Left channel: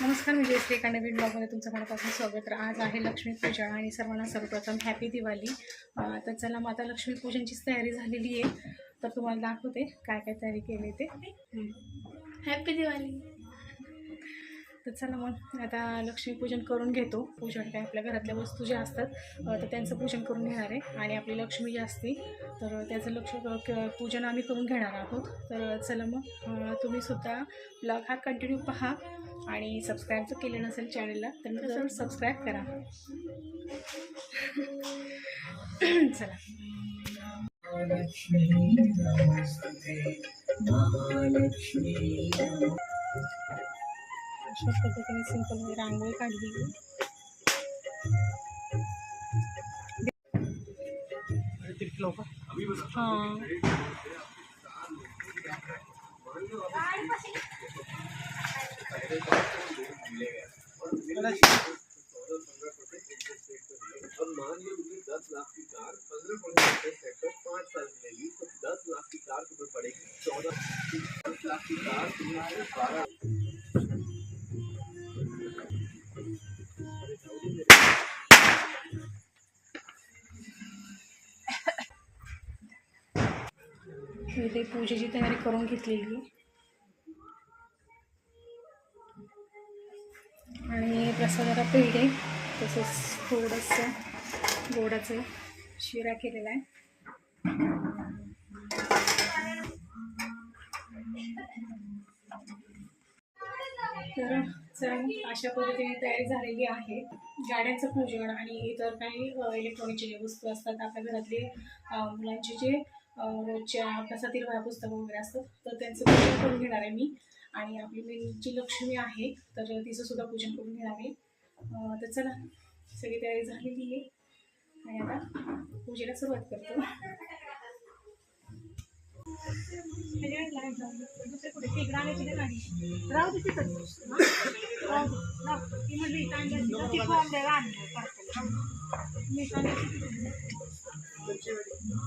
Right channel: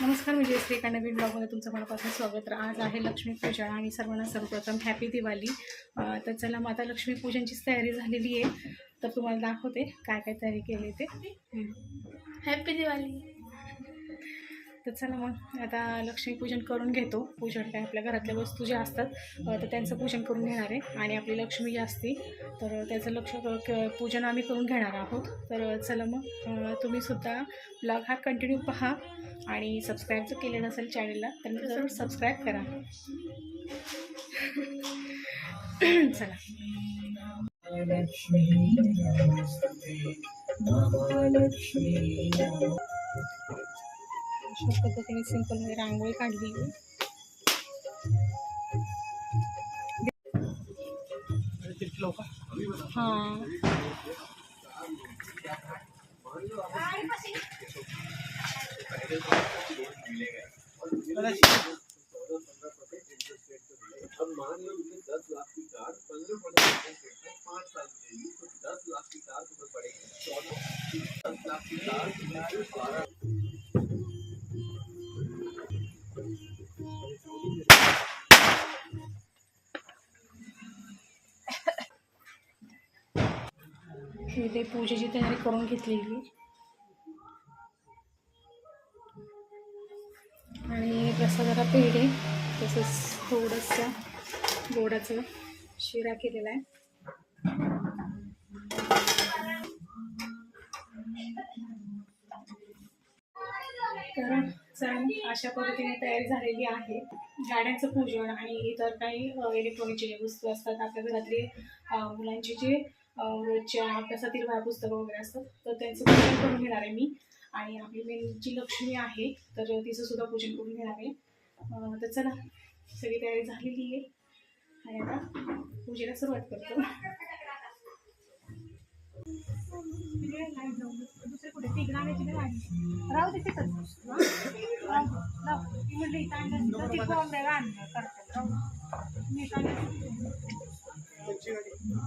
नमस्कार मी जयश्री एका ब्लॉगमध्ये तुमचं मनापासून स्वागत. तर आज आहे लक्ष्मीपूजन आणि सर्वांना सर्वप्रथम हॅपी दिवाळी. तर चला माता लक्ष्मीपूजनचीच तयारी झालेली आहे. तर तुम्हाला दाखवते काय काय तयारी केली ते. हॅपी दिवाळी. तर चला मग आता लक्ष्मीपूजन करून घेतो. पूजन काय आपल्या घरातल्या वस्तू ज्या असतात तर त्यांचं पूजन करून घेणार आहे. आणि आपली लक्ष्मी जी असते तर त्याचं लक्ष क- पूजन आम्ही करून घेणार आहोत. तर चला मग तुम्हीसुद्धा ब्लॉग हा कंटिन्यू पहा. आणि सबस्क्राईब जर केले नसेल चॅनलला तर जरूर सबस्क्राईब करा. चला. अशा पद्धतीने सिंपल मी रांगोळी काढली. हां. करून घेतलेली. आणि प्रसादाला पेढे तसंच थोडंसं गोडाचं शिरा केलेला आहे. तर चला अशा पद्धतीने तयारी झालेली आहे. गाड्यांचं पूजन आणि इतर काही इलेक्ट्रॉनिकचे जे वस्तू असतात आपल्या घरातले मुलांचे जे रोजच्या अभ्यासातील वया पुस्तकं वगैरे असतात तर त्यांचं पूजन करून घेणार आहे मी. आणि आपली मेन जी लक्ष्मी आहे तर तिचं सुद्धा पूजन करून घेणार आहे. तर चला सगळी तयारी झालेली आहे. आणि आता पूजेला सुरुवात करतो. राहू दे राहू ती म्हणली मी सांगितलं तिथं.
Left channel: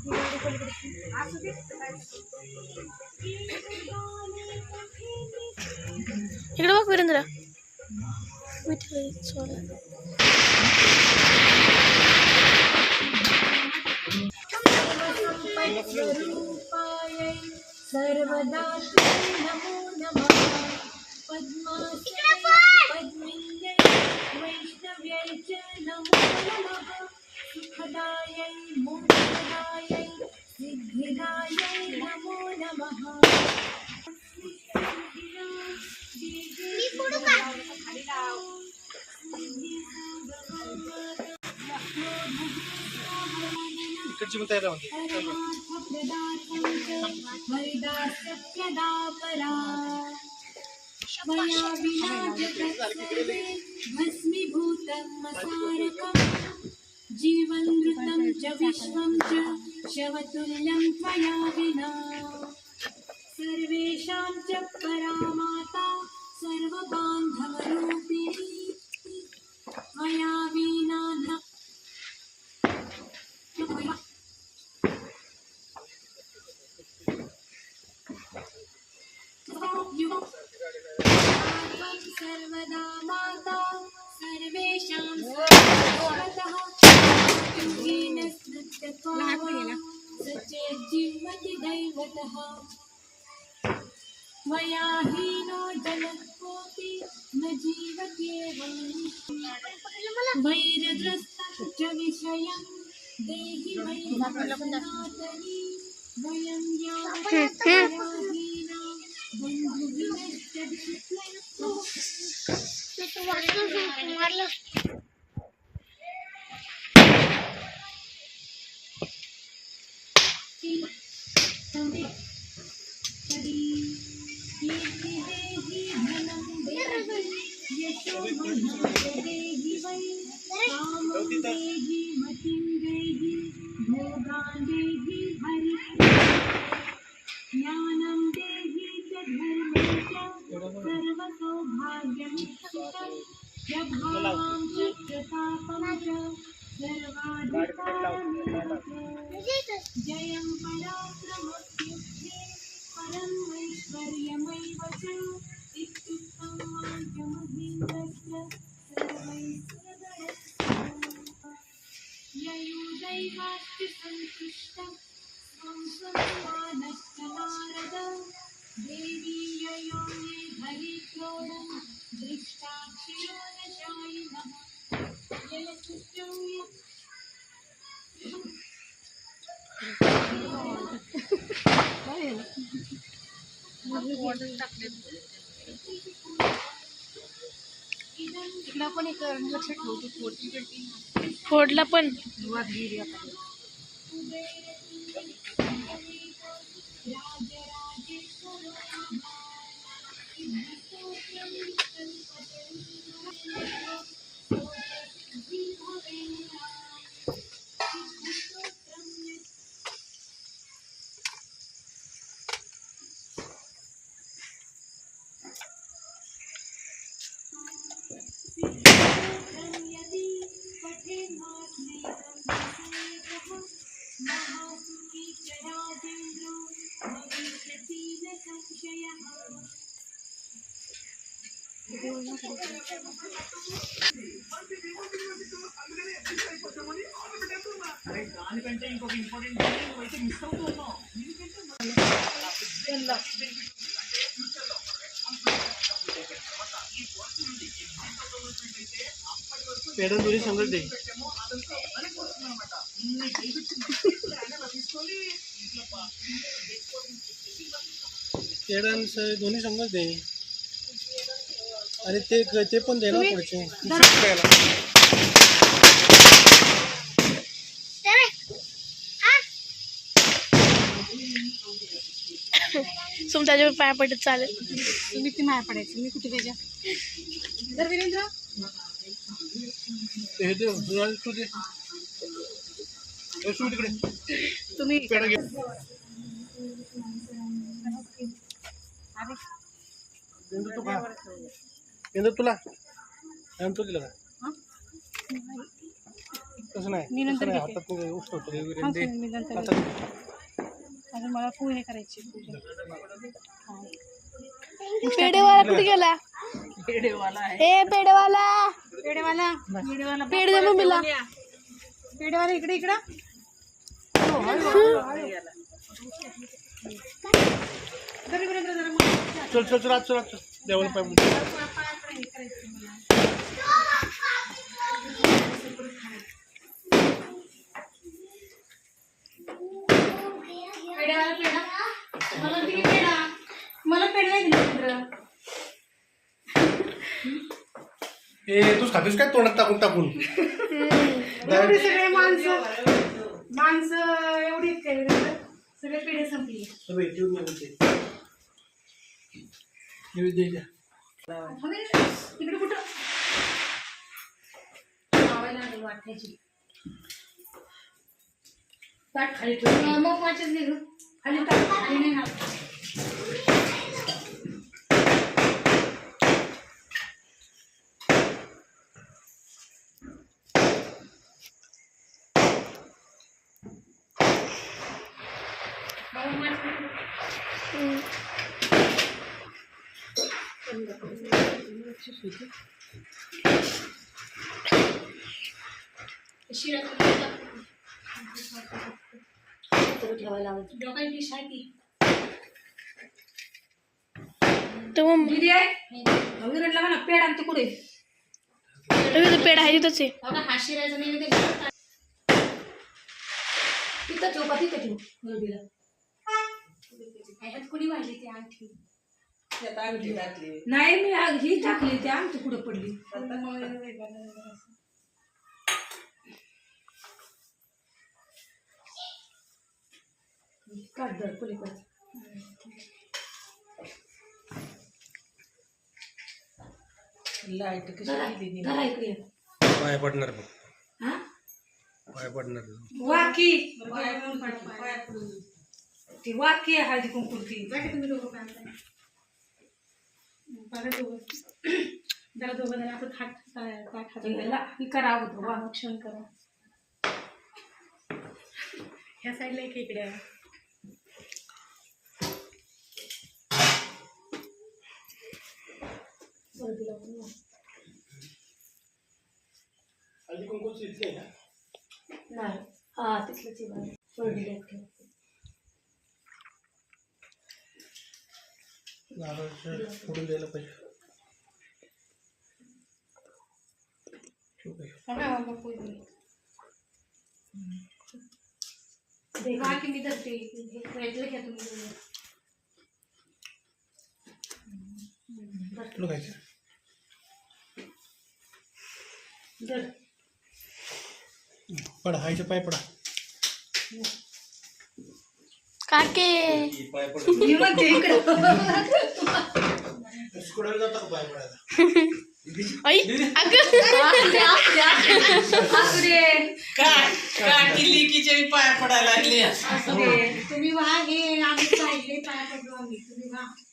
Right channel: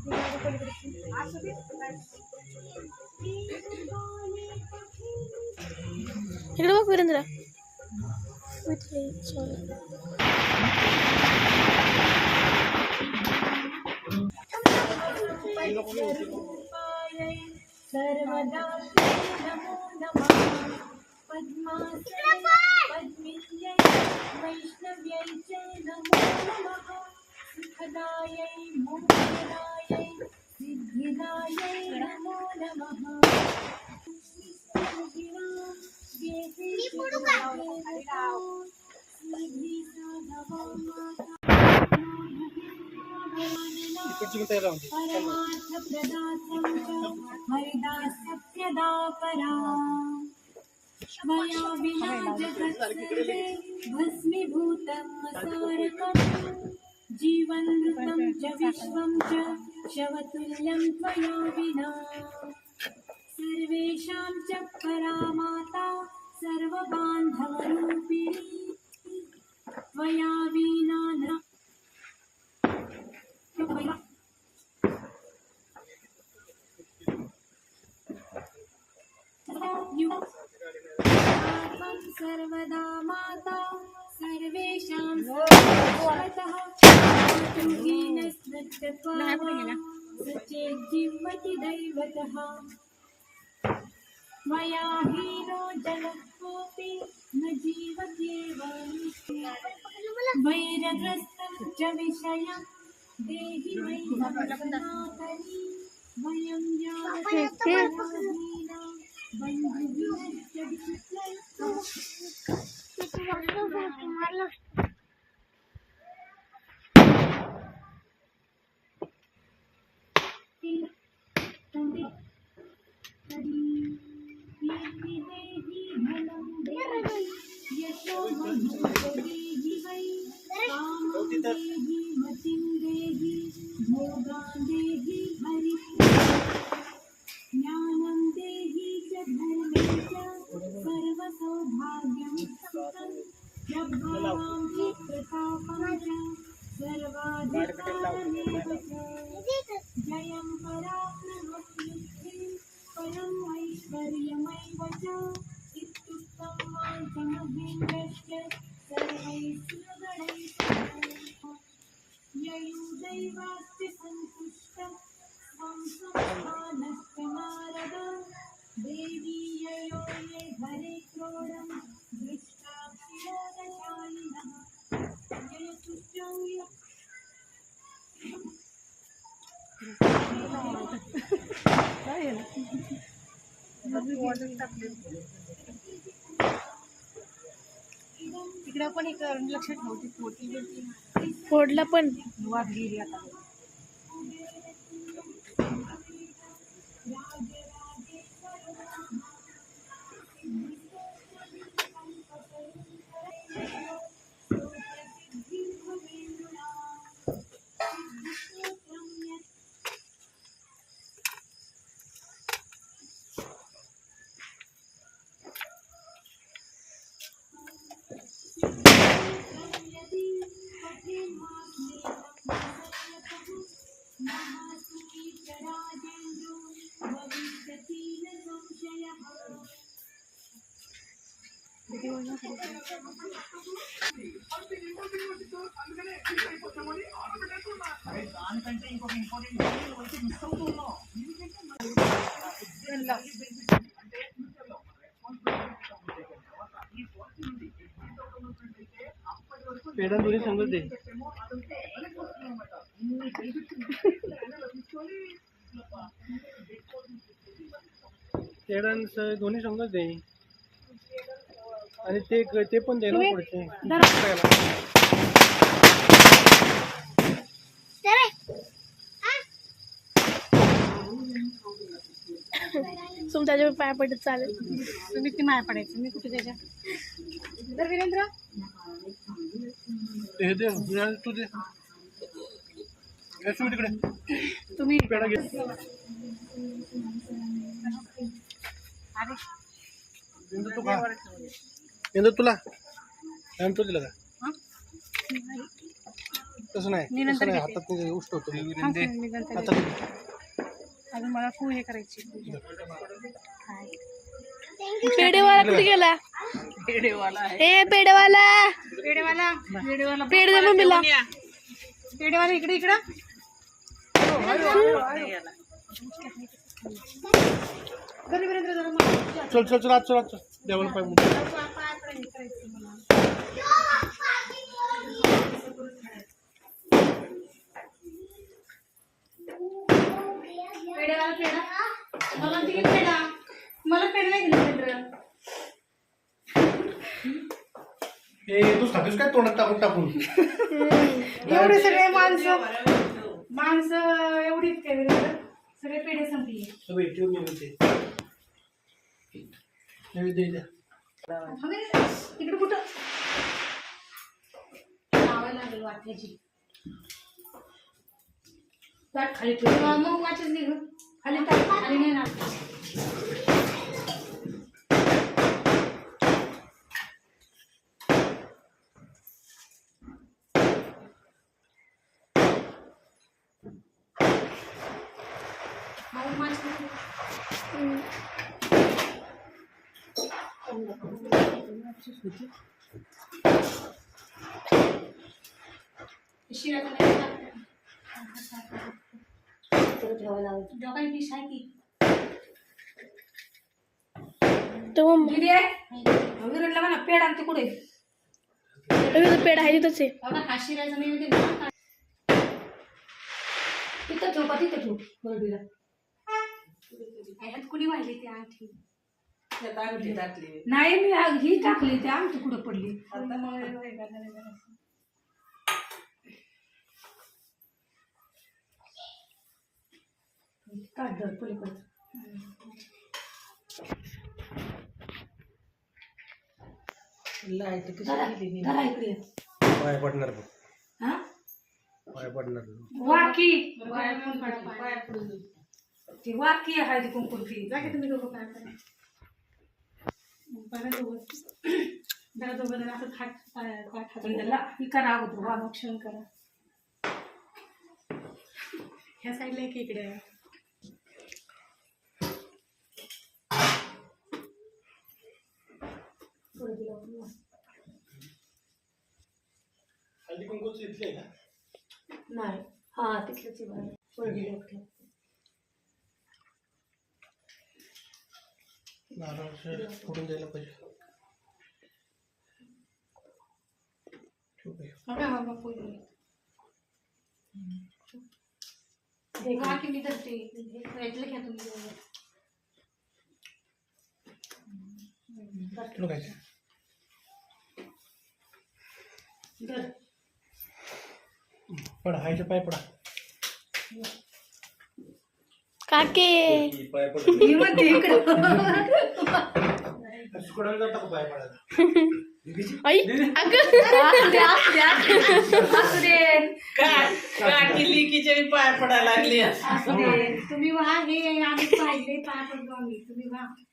ती गाडी पलीकडे. असू दे. इकडे सुखदायै मोक्षदायै सिद्धिदायै नमो नमः। हरिदासत्यदा परा मया विना जगत्सर्वे भस्मीभूतं मसारकम् जीवनमृतं च विश्वं च शवतुल्यं त्वया विना सर्वेषां च परा माता सर्वबान्धवरूपिणी। त्वया विना न। त्वं सचेज्जिह्वति दैवतः मया हीनो जनः कोऽपि न जीवत्येव वैरग्रस्तं च विषयं देहि वै सनातनी वयं यावतीना यशो इकडे आपण एक लक्ष ठेवतो फोडला पण. वाद वाघगिरी आता. पण वाद गेली आता पेढा दोन्ही संगत दे पेढा आणि स- दोन्ही संगत दे आणि ते ते पण दे ना पुढचे. तुम त्याच्यावर पाया पडत चालेल. तुम्ही ती माया पडायचं? मी कुठे त्याच्या? तर वीरेंद्र? ते हे दे तुझ्या- तू दे. हे सुमित तिकडे तुम्ही पेढा घे. अरे. इंदू तू खा. इंदू तुला? आणि तो दिला का हा? तसं नाही. मी नंतर तसं नाही, घेते. हातात ते उष्ट होतो. हा, विरेंद्र दे. मी नंतर आता घेते. अजून मला पोहे करायची पूजा. हाय. पेढेवाला कुठे गेला? ए पेढेवाला. पेढेवाला. पेढेवाला पेढे दे मम्मीला. पेढेवाला इकडे इकडं. वीरेंद्र जरा चल चल चल आज चल आज चल. वीरेंद्र हे तू खातोस काय? तोंडात टाकून टाकून. एवढे सगळे माणसं माणसं एवढी आहेत काय वीरेंद्र सगळे पेढे संपली सगळे ठेवून ये म्हणते. नैवेद्य द्या तिकडे कुठं? लावायला लागेल वाटायची ताट खाली ठेव मग वाचच घे गं. खाली ताट खाली नाही ना मग वाच घे. शिळा डोकाई डिश आहे ती तर मग दिदी आहे विरडला म्हणा पेड आणते कुठे रवी तो पेढा आहे तिथंच आहे बघा हा शिरायचा नैवेद्य घाला. तिथं ठेव का तिथं ठेव बरोबीला ह्यात कुणी वाहिली ती आणखी नाही मी आ- ही टाकली ती आमची कुठं पडली? काढ दर पलीकडं. धरा धरा इकडे ये. पाय पडणार बघ. हा? पाय पडणार. वाकी. ती वाकी आहे ती कुंकुलती जा की तुम्ही दोघं पाय जरा दोघं जण असं थाट ही करा वा ह्या साईडला एक इकडे आहे. कुंकूच इथले ना? नाही. हा तिथलंच आहे बघा. वर दिला एक ठेव. नारळ फोडून द्यायला पाहिजे. की? मी घ्या तुम्ही पडा हायचे पाय पडा. काके। स्कुडाला जाता का आई अगं। पाय पडायला लागली तुम्ही व्हा हे आम्ही पाहिले पाय पडलो आम्ही. तुम्ही व्हा.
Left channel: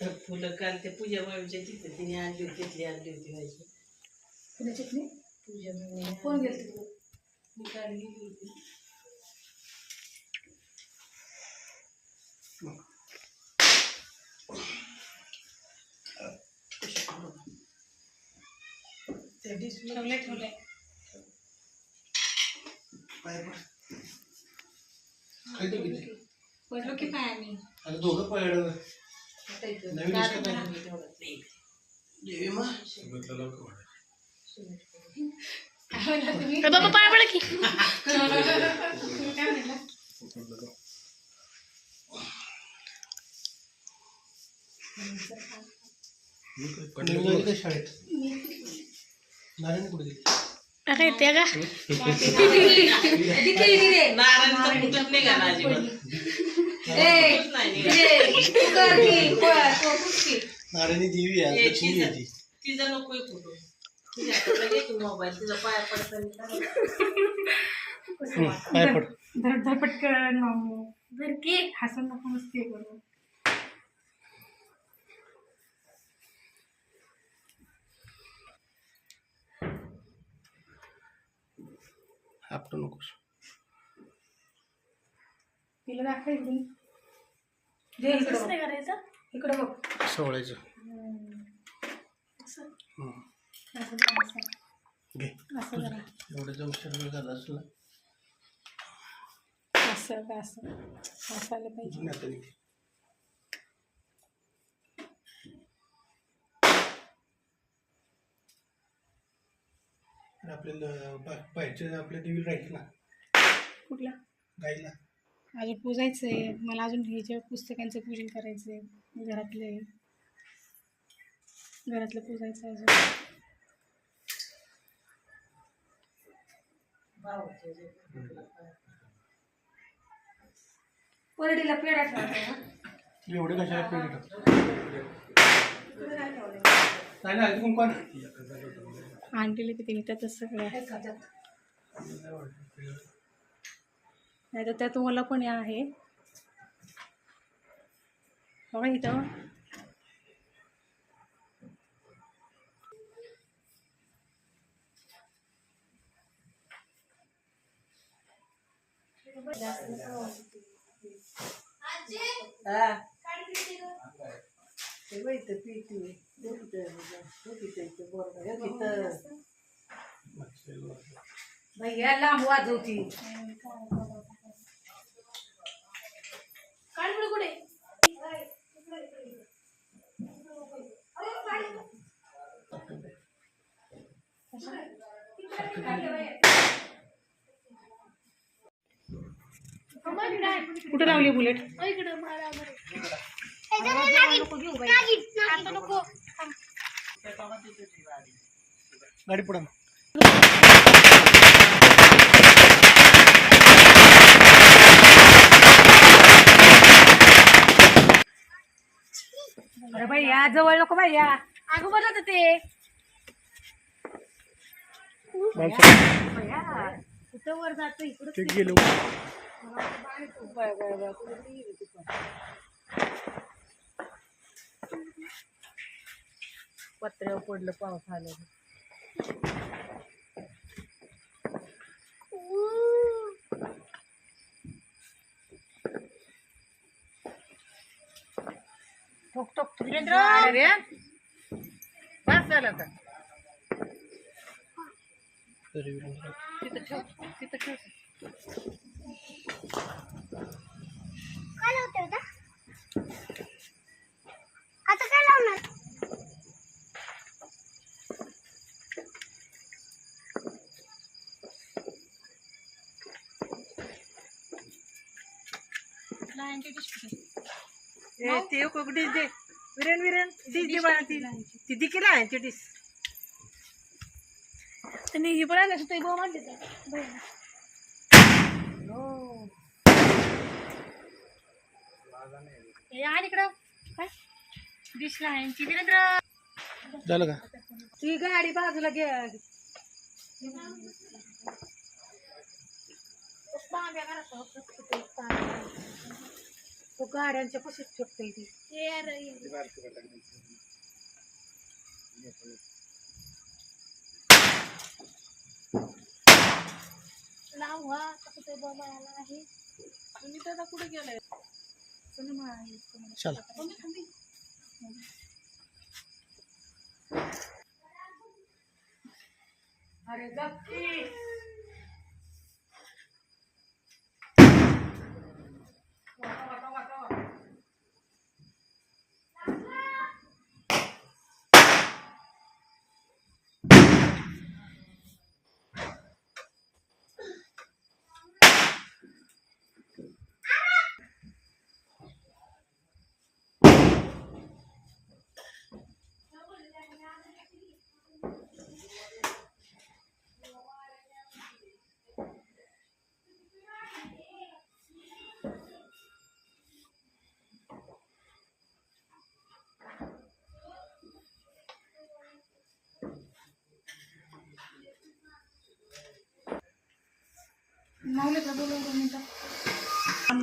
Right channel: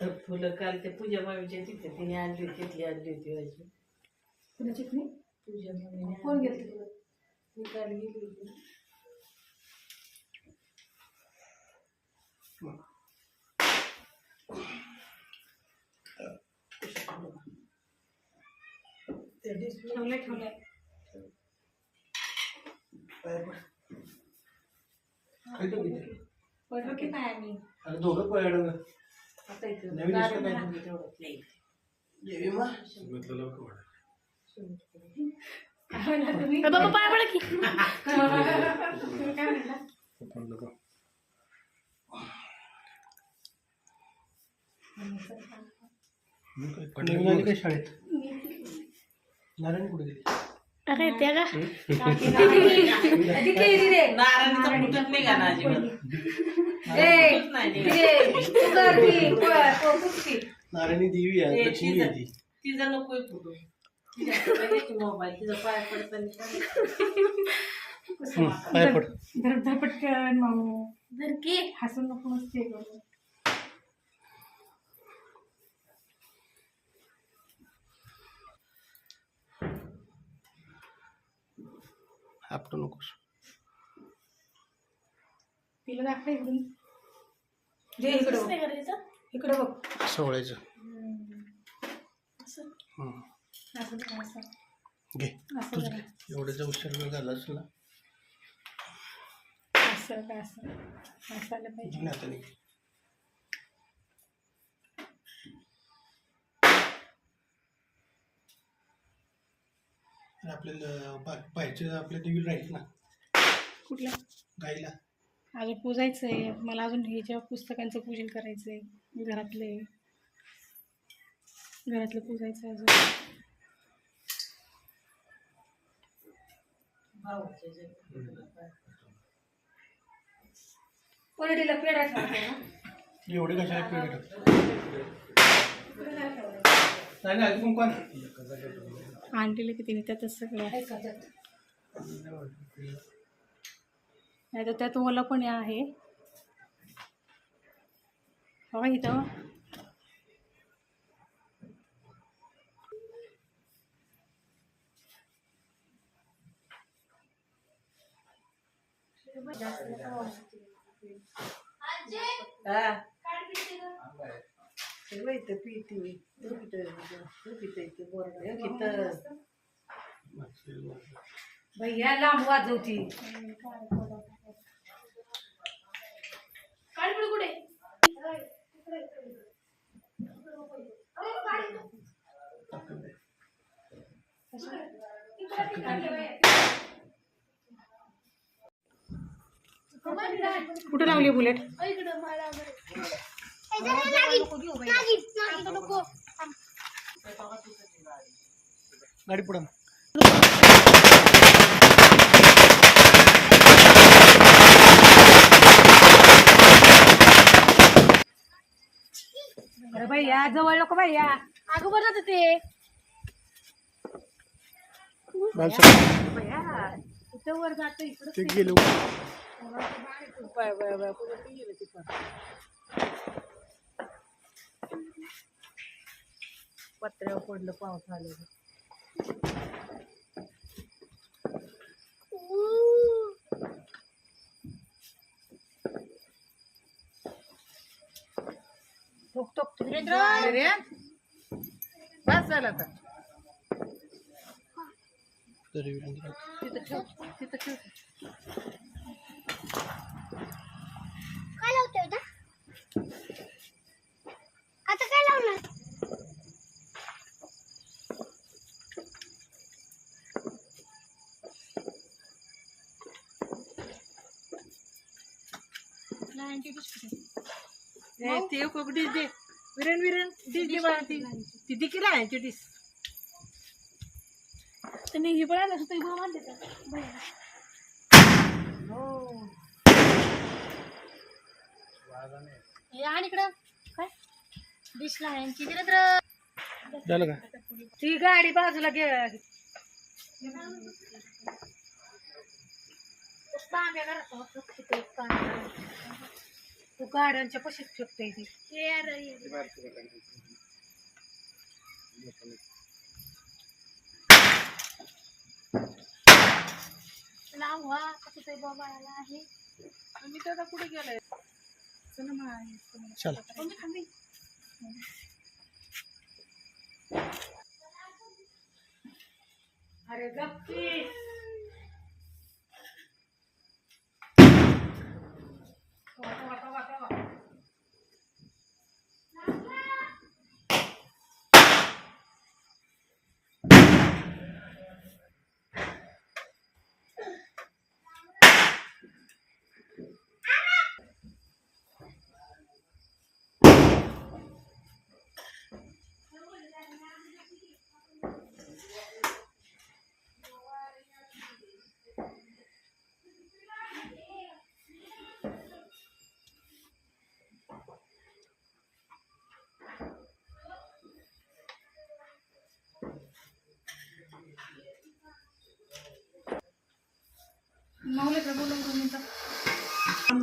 फुलं काल ते पूजा मामीच्या तिथे तिने आणली होती तिथली आणली होती माझी. नाही पूजा मामी. कोण गेलं तिकडं मी काल गेली होती. ठेवले ठेवले पडलो की पाय आम्ही. अरे दोघं पडलं नवीन काय? अरे बाबा पाय पडा की. तुम्ही काय म्हणला नवीन जायचं काय शाळेत? नारायण कुठे गेली? का? नारायणचं. नारायणी देवी आहे लक्ष्मी तिचं- आहे ती तिचं नकोय कुठं तिच्या हाताला घे की मोबाईल तिचा पाया पडताना. हं, पाय पड. धडपटकन मामू. की. हसून नको मस्ती करू आपटू नकोस. तिला दाखव इकडून. नाही करायचं इकडं बघ. असं. हं. असं करा, असं. घे. असं एवढ्याचा उशीर वेळ झाला असं का असं? असं आलं पाहिजे. आणि आपल्याला बा- बाहेरच्या आपल्या देवीला राहील ना. कुठला? गाईला. अजून पूजायचं आहे मला अजून हे ज्या पुस्तकांचं पूजन करायचं आहे घरातले घरातलं पूजायचं आहे अजून. परडीला पेढा ठेवायचा ना? एवढे कशाला पेढे नाही नाही अजून कोण? आणलेलं की तिने त्यातच सगळं आहे. नाही तर त्यात ओला पण या आहे. बघा इथं बाई इथं पिती भैया लांब वाजवती. काळपडी कुठे? कुठं लावली बुलेट? इकडं मला बरं. आता नको गाडी पुढे. भैया जवळ नको भैया अगं बरं होतं ते. कुठं वर जातं इकडं ते गेलो. पत्र्यावर पडलं पाऊस आलं बस झालं आता. तिथं तिथं काय लावते आता? काय ते उकडीच दे. विरेन विरेन डिश दे बाळा ती ती दे की लहानची डिश त्यांनी हे पण आणलं ते तर बहिणीला. हे आणि इकडं काय डिश लहानची वीरेंद्र झालं का ती गाडी बाजूला घे तांब्या घरात तो गाड्यांच्या पशीच ठेवते ती. कसं ते आहे. मी तर आता कुठे गेलाय? चला आहे, चला. खाल्ली? अरे गप्पी.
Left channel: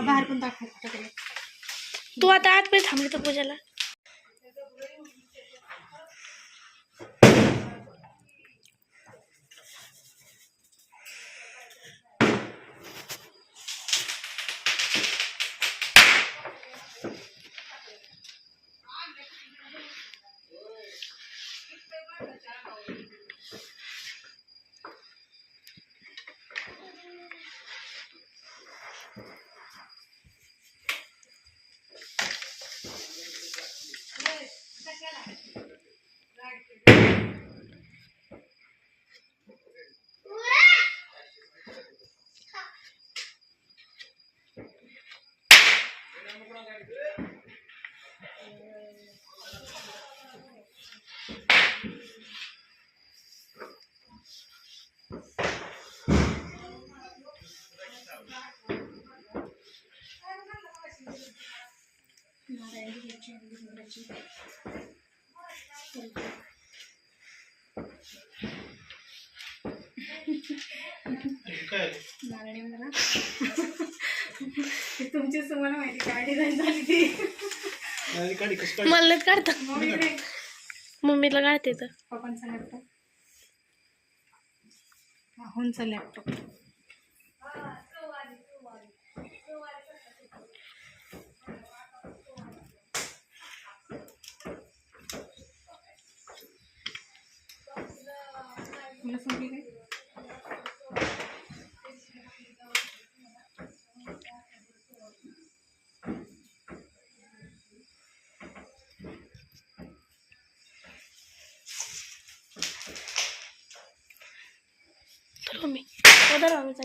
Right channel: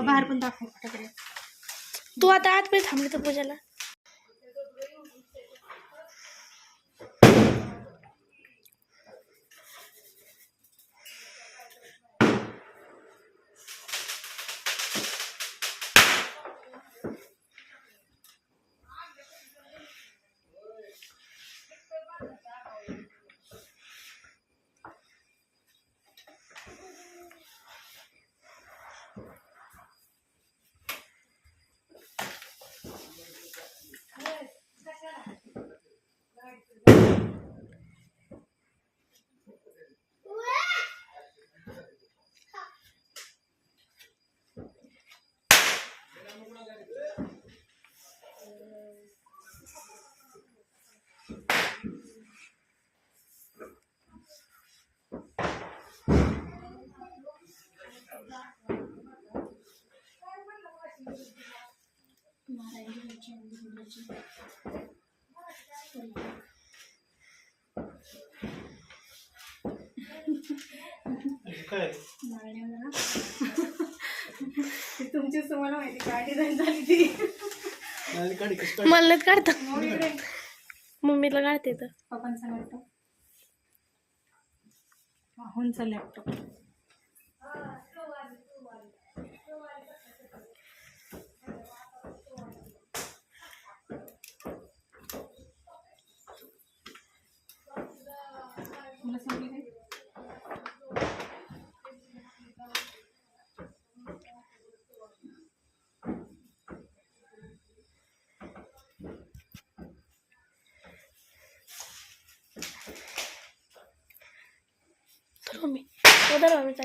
बाहेर पण दाखवायचं तिकडे तू आता आतमध्ये थांबली तर पूजाला. अंडी घ्यायची काय नारायण जरा ती तुमचीच तुम्हाला माहिती काय डिझाईन झाली ती. मला काढता. मम्मीला काढते तर. पप्पांचा लॅपटॉप राहुलचा लॅपटॉप मला सांगते काय तर मम्मी उधर बोलायचं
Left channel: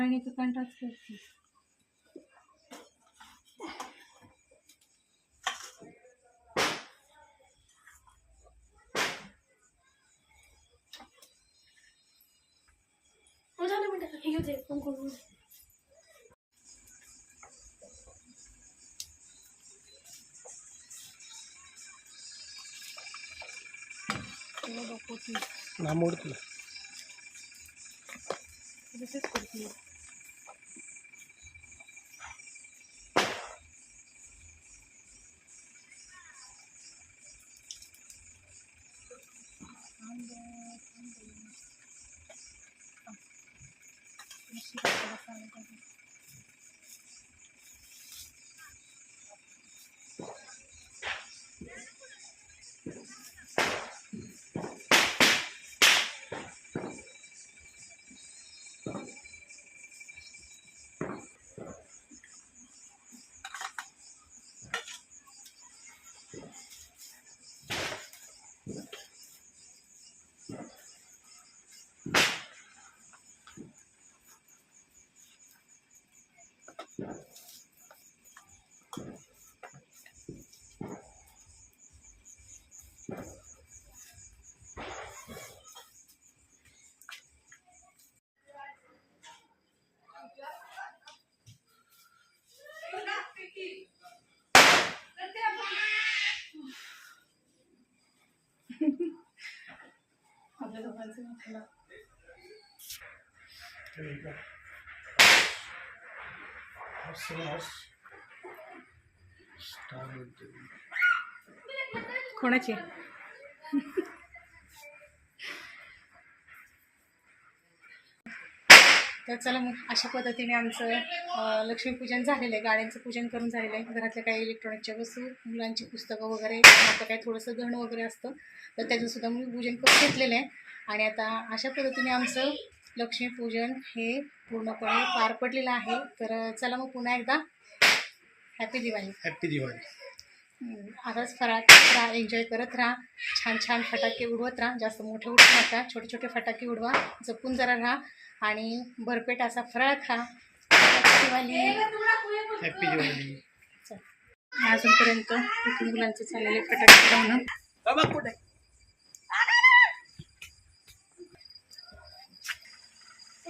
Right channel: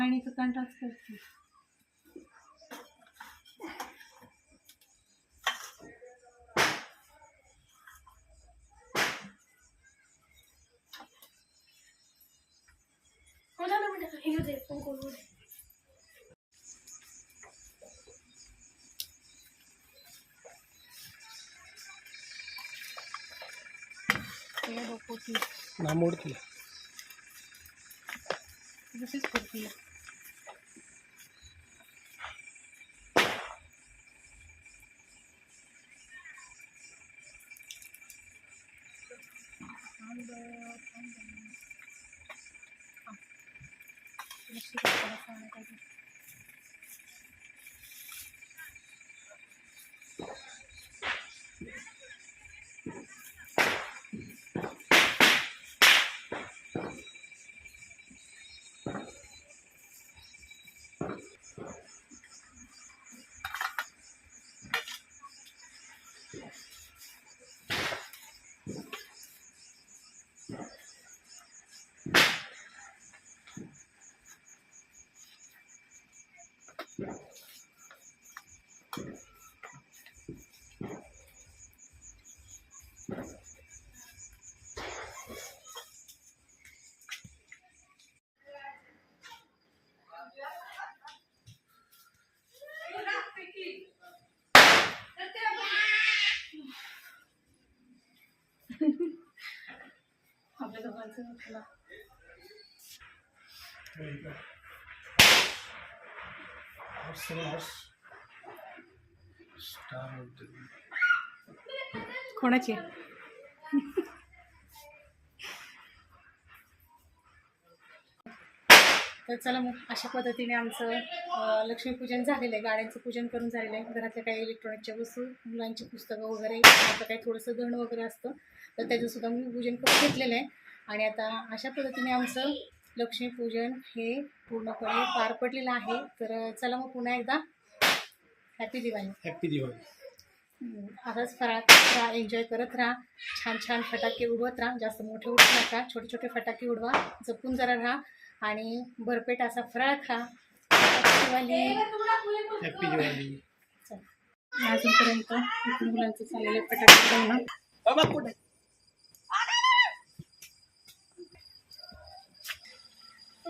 आणि तो कंटाच करते उधर ना बेटा हे घेऊ दे कुंकू घेऊ दे ना मोड करायचं आपल्याला कोणाची? तर चला मग अशा पद्धतीने आमचं लक्ष्मीपूजन झालेलं आहे. गाड्यांचं पूजन करून झालेलं आहे. घरातल्या काही इलेक्ट्रॉनिकच्या वस्तू मुलांची पुस्तकं वगैरे आता काही थोडंसं गण वगैरे असतं तर त्याचंसुद्धा मी पूजन करून घेतलेलं आहे. आणि आता अशा पद्धतीने आमचं लक्ष्मीपूजन हे पूर्णपणे पार पडलेलं आहे. तर चला मग पुन्हा एकदा हॅपी दिवाळी हॅप्पी दिवाळी असाच फराट राहा एन्जॉय करत राहा. छान छान फटाके उडवत राहा. जास्त मोठे उडवू नका. छोटे छोटे फटाके उडवा. जपून जरा राहा. आणि भरपेट असा फराळ खा. दिवाळी हॅप्पी दिवाळी अजूनपर्यंत मुलांचं चाललेले फटाके उडवणं.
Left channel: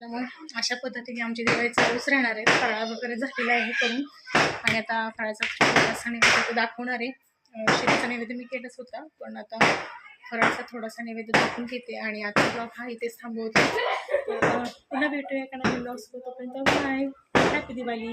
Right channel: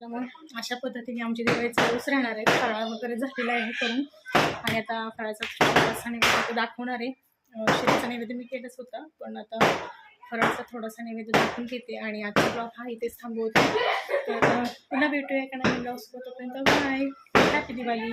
त्यामुळे अशा पद्धतीने आमची दिवाळी चालूच राहणार आहे. फराळ वगैरे झालेला आहे करून. आणि आता फराळाचा थोडासा नैवेद्य दाखवणार आहे. अं, शिरीचा नैवेद्य मी केलंच होता पण आता फराळाचा थोडासा नैवेद्य दाखवून घेते आणि आजचा ब्लॉग हा इथेच थांबवते. तर पुन्हा भेटूया एका नवीन ब्लॉग तोपर्यंत बाय हॅपी दिवाळी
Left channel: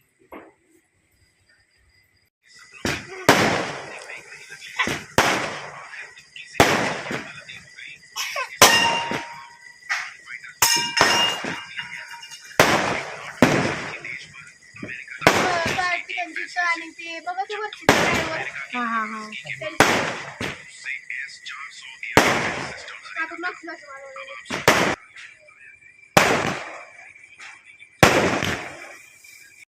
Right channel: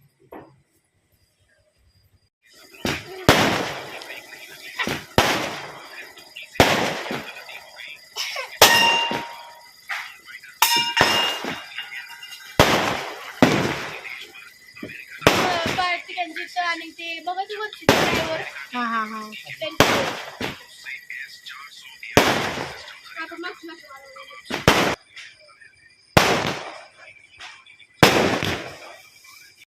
Okay.